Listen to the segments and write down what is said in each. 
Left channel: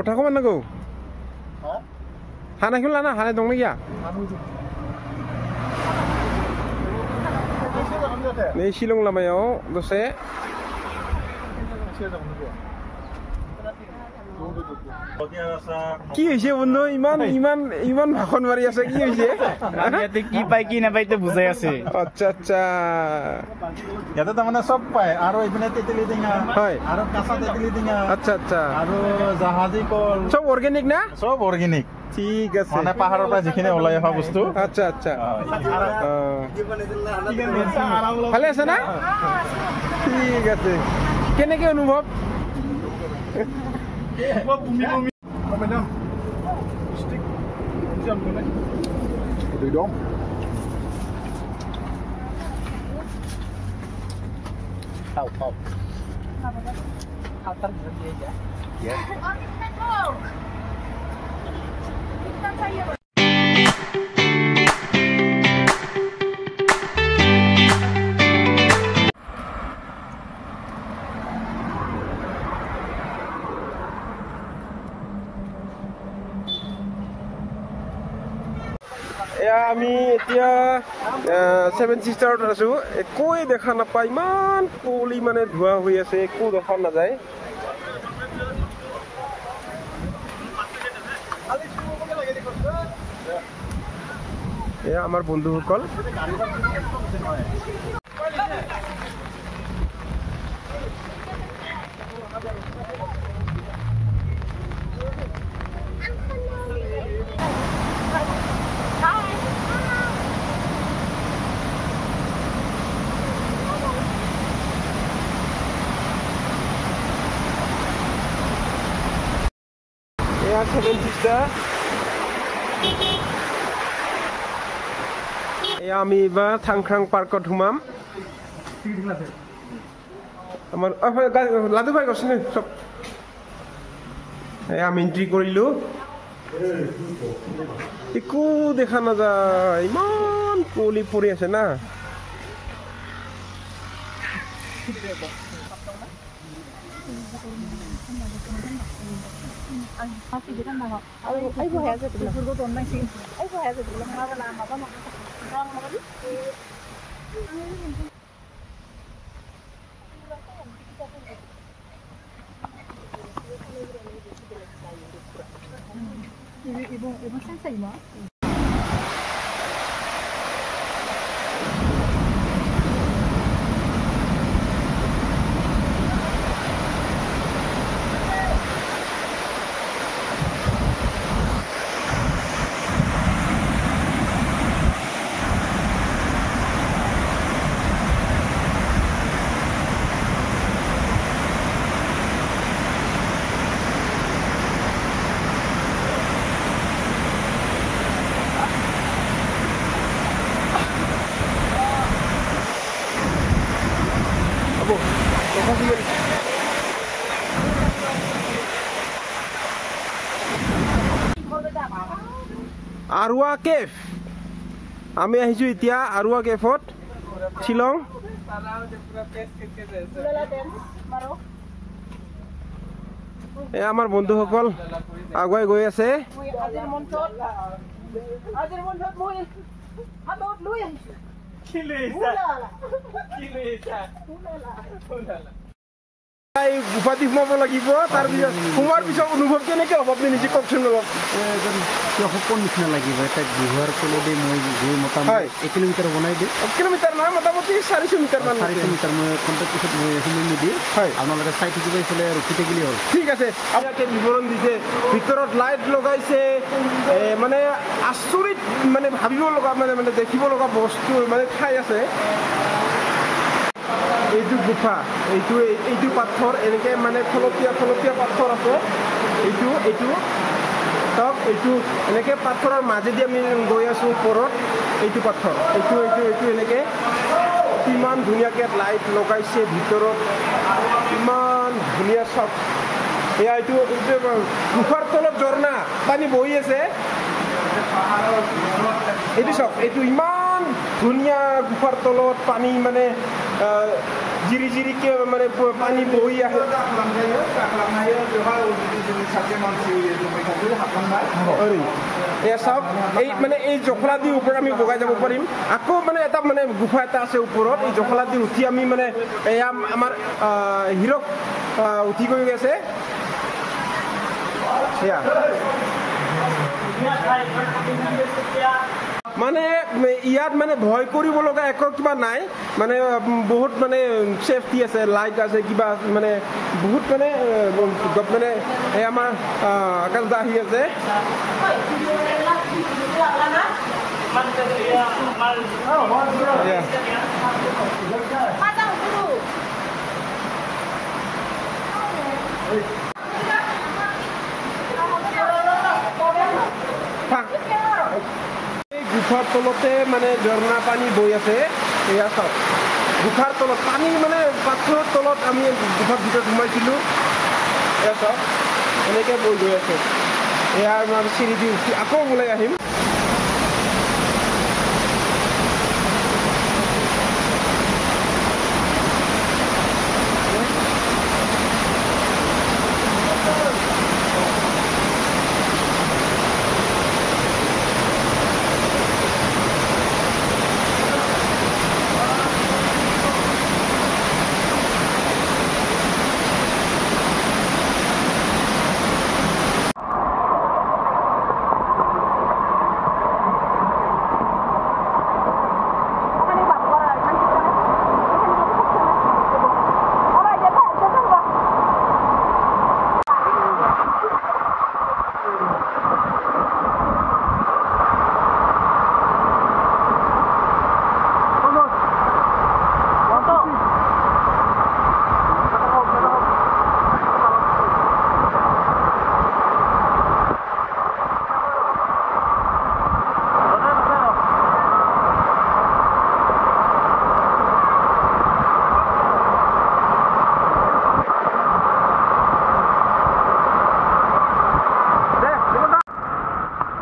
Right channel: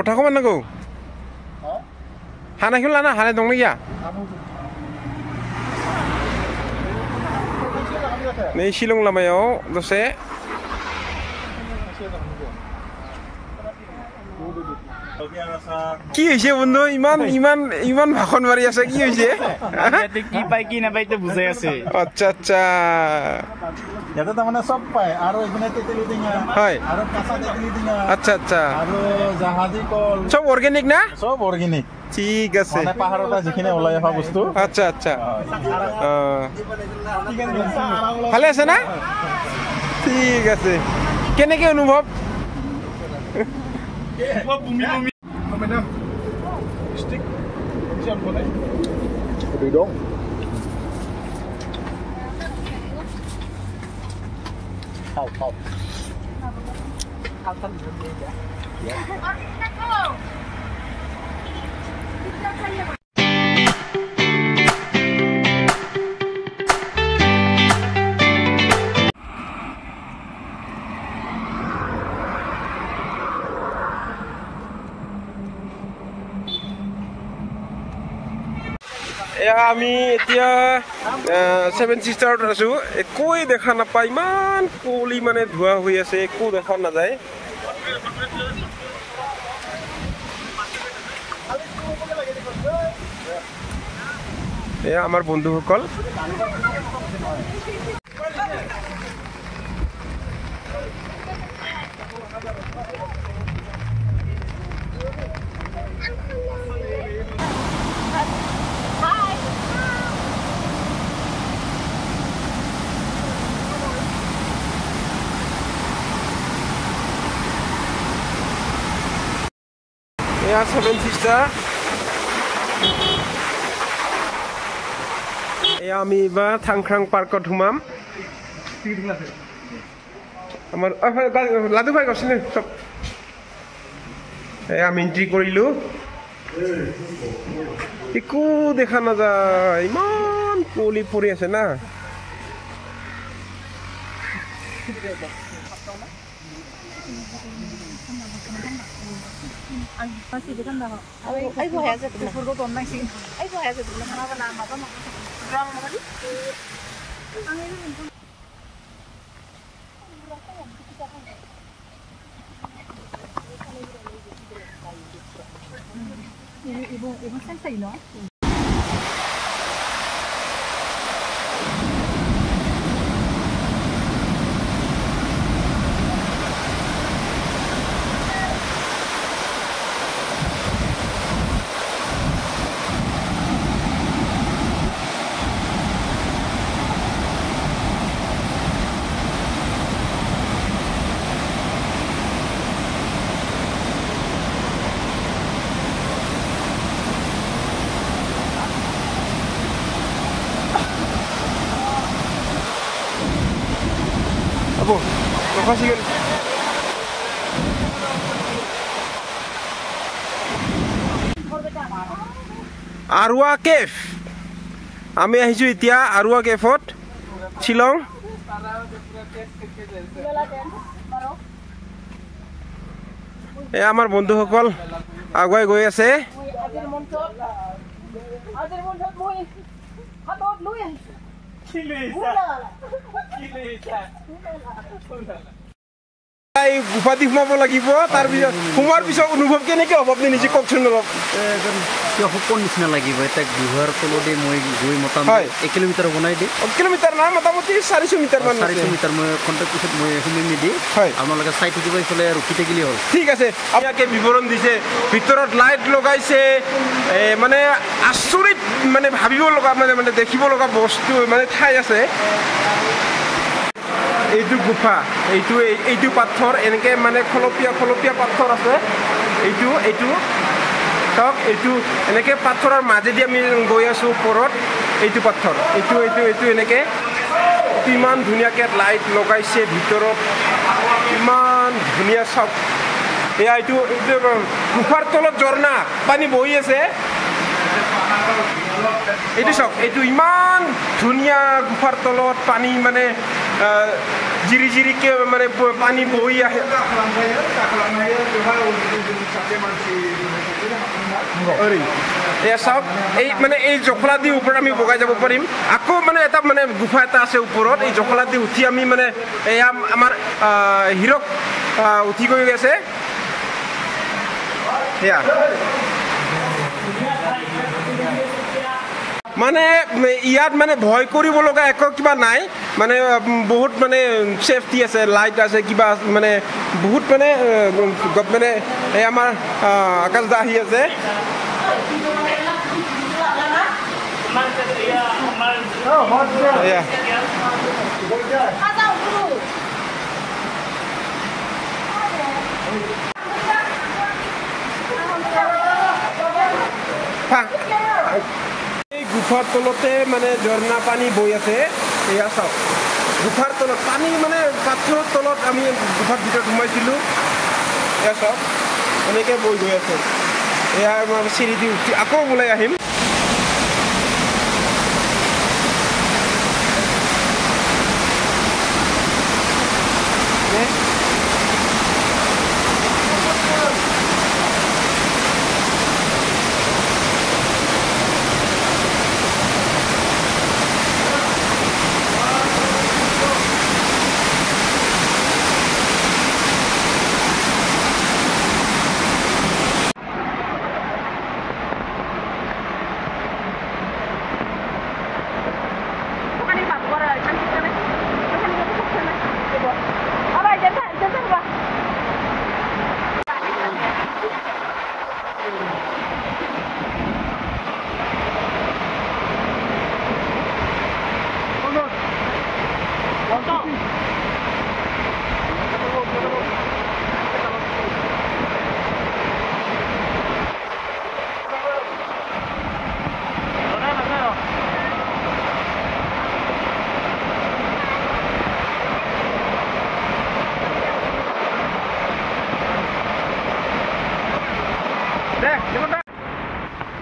गथाखौ मा नांगौ हानायखौ लाना हानाय दंना गैया नै शिलं लामायाव दसे কি হৈছে বন্ধু ইমান ইমান ইমান ভাষণ মাৰি আছে কি হৈছে কি পাই কি নাপাই তো বুজাই আছে আচ্ছা আচ্ছা ইয়াতে তাৰ মানে সব পায় আৰু ইপিনে তেতেলি টেঙা হয় আৰু কাঁচা তেতেলি টেঙা আচ্ছা আচ্ছা আৰু জাহাজী কল সব অৰ্গেনিক না সব অৰ্গেনিক ঠিক আছে মানে পাহাৰৰ পৰা যিখিনি ওলাই অহা বস্তু আচ্ছা আচ্ছা ভালে আছে না ঠিক আছে কেনেকে অনুভৱ Madam, stick jump on it. What do you do? How? How come you did that? Yeah. আমি এতিয়া সেভেন সিস্টাৰত আছো একোই দেখা নাপায় ইমান কুঁৱলী মানে ধোঁৱা হৈ আছে একো দেখা নাযায় এয়া আমাৰ বন্ধুসকল এয়া সেভেন সিস্টাৰ এয়া আমি এবাৰ থাংখ্ৰাং পাৰ্কত সোমাম আমাৰ লাডু ভাই গৈছিলে চব এয়া আমি এণ্ট্ৰি কৰিলোঁ একো দেখা নাযায় ইমান কুঁৱলী পৰি আছে না masih di kan ay bo haya sa tula furgo ton nang sin ay bo haya sa tula mga wala mapa rang mga di ang ino ibo sai no আৰুৱা কেফ আমি আহিছো এতিয়া আৰুৱা কেফত শিলং এ আমাৰ বন্ধুসকল আগুৱাই গৈ আছে গুফাটি সোমাব লাগিব তাৰ পিছত সোমাৰ পিছত অনুভৱ কেনেকে হ'ব আপুনি নিজে কওকচোন অলপ সপোন নিচিনা লাগিব এটা গুহাৰ তলতে মই গৈ মোটামুটি 1 কিলোমিটাৰ বনাই দি 1 কিলোমিটাৰ না মোটামুটি 400 মিটাৰ মান 400 মিটাৰ মই কণ্টেক্ট পিছত মই সোমাই দি আপোনালোকে চাই থাকিব ইফালে ৰখি থাকিলে হ'ল ঠিক আছে আপোনাকে বিৱৰণ দিছে ভিতৰত লাইট লগাইছে মানে আচৰিত মানে ভাবিব লগা মানে দেখিব লগা বস্তু মানে ঠাই আছে এইটো গুফা এইটো পাথৰ এনেকে মানে খলপীয়া পাথৰ আছে এইটো সব এইটো এনেকে পাথৰৰ মাজেদি আমি গৈ আছো ওপৰত এইটো পাথৰ এইটো এনেকে ইমান ধুনীয়াকে লাইট লগাইছে ভিতৰত ইমান ধুনীয়া সব এয়া এইটো গুফাৰ তলত ঝৰ্ণা পানী বহি আছে এইটো সব এইটো ইমান ধুনীয়া গুফাৰ তলত পানী মানে জিৰি জিৰিকৈ মানে পানী বহি আহে এয়া চাওক এই মানে এই জখলা দি ওপৰত আমি বগাই যাব পাৰিম আকৌ মানে এটা মানে গুফা এটা আছে ওপৰত এই জখলা দি উঠি আমি মানে এয়া আমাৰ হিৰক উঠি গৈ আছে সেয়া মানে ইয়াত মানে ভয় কৰিব লগা একো কিবা নাই মানে বহুত মানে সেফটি আছে লাইট আছে কিবা মানে বহুত মানে মানে এই আমাৰ আকাশ দা আহি আছে এই গুফাৰ তলতে মানে ঝৰ্ণা পানী বৈ আছে এয়া চাওক গুফাৰ তলত পানী মানে পাথৰৰ তলত আমি গুফাৰ ভিতৰত সোমাইছিলোঁ এয়া চাওক এনেকৈ বৈ গৈ আছে এয়া আমাৰ চিৰি দি উঠি আকৌ ওলাই আহিম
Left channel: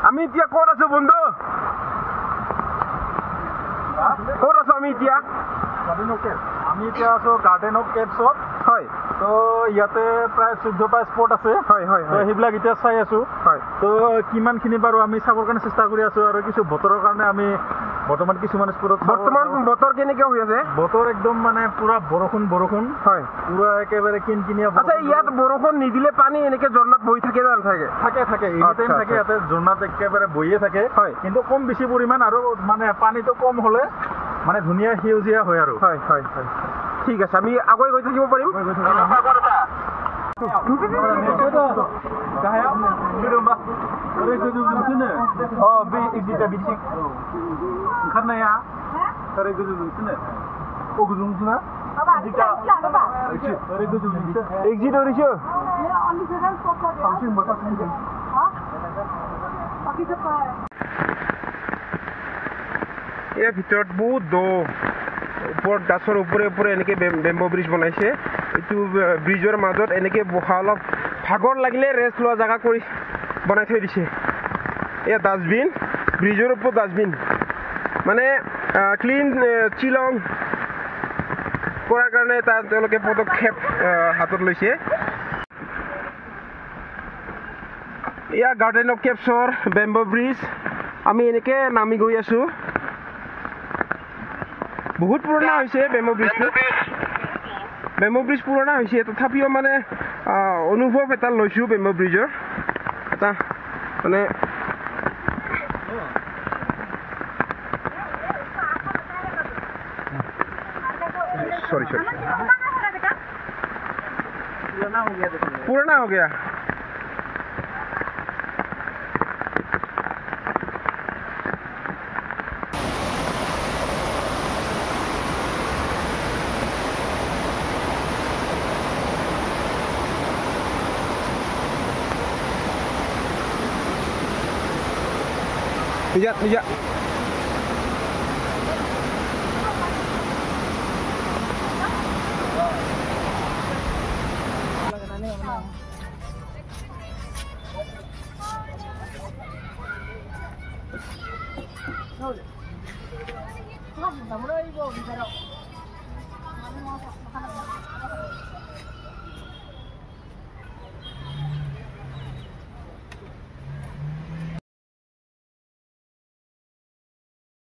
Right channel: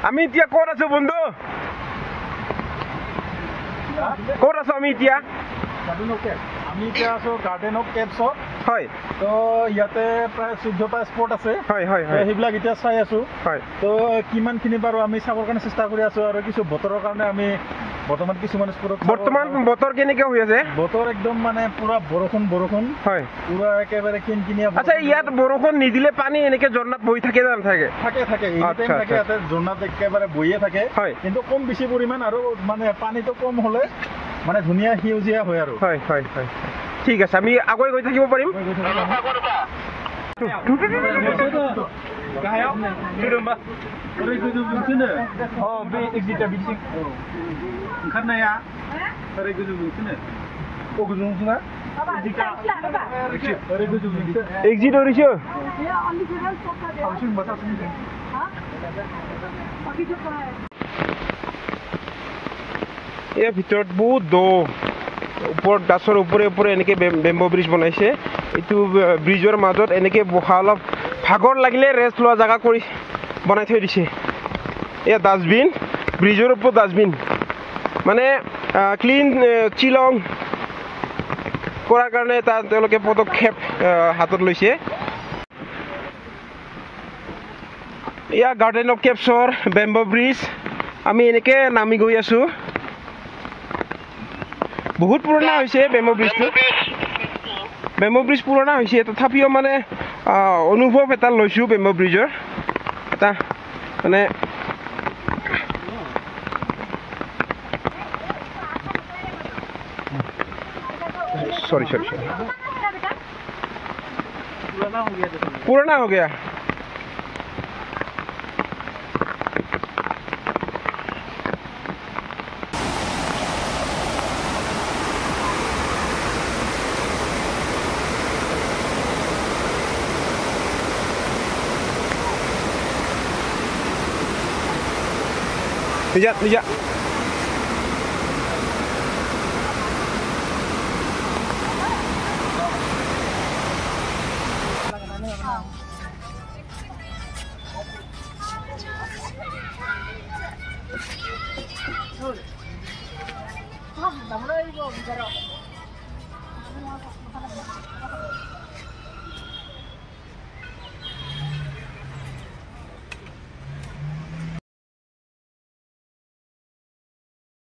আমি এতিয়া ক'ত আছো বন্ধু ক'ত আছো আমি এতিয়া আমি এতিয়া আছো গাৰ্ডেন অফ কেভছত হয় তো ইয়াতে প্ৰায় 14টা স্পট আছে হয় হয় তো সেইবিলাক এতিয়া চাই আছো হয় তো কিমানখিনি বাৰু আমি চাবৰ কাৰণে চেষ্টা কৰি আছো আৰু কিছু বতৰৰ কাৰণে আমি বৰ্তমান কিছুমান স্পটত বৰ্তমান বতৰ কেনেকৈ হৈ আছে বতৰ একদম মানে পুৰা বৰষুণ হয় পুৰা একেবাৰে কিনকিনীয়া আচ্ছা ইয়াত বৰষুণ নিদিলে পানী এনেকৈ ঝৰ্ণাত বহি থাকে নে নাথাকে থাকে এনি টাইম থাকে ইয়াতে ঝৰ্ণাত একেবাৰে বহিয়ে থাকে হয় কিন্তু কম বেছি পৰিমাণ আৰু মানে পানীটো কম হ'লে মানে ধুনীয়া সেউজীয়া হয় আৰু হয় হয় হয় ঠিক আছে আমি আগুৱাই গৈ থাকিব পাৰিম ओंखारनाया ओरै गोजौजोंसोनो गोजौजोंसोना ओरै गोजौजोंसो एग्जिट ओरैसो ইয়াৰ ভিতৰত বহুত দ ওপৰত গাছৰ ওপৰে ওপৰে এনেকৈ বেম্বো ব্ৰিজ বনাইছে এইটো ব্ৰিজৰ মাজত এনেকৈ বহা অলপ ভাগৰ লাগিলে ৰেষ্ট লোৱা জেগা কৰি বনাই থৈ দিছে এয়া ডাষ্টবিন ব্ৰিজৰ ওপৰত ডাষ্টবিন মানে ক্লিন শ্বিলং কৰাৰ কাৰণে তেওঁলোকে পদক্ষেপ হাতত লৈছে এয়া গাৰ্ডেন অফ কেভছৰ বেম্বো ব্ৰিজ আমি এনেকৈ নামি গৈ আছোঁ বহুত পুৰণা হৈছে বেম্বো ব্ৰিজ পুৰণা হৈছে তথাপিও মানে অনুভৱ এটা লৈছোঁ বেম্বো ব্ৰিজৰ এটা মানে सॉरी पुराना हो गया Lihat. মই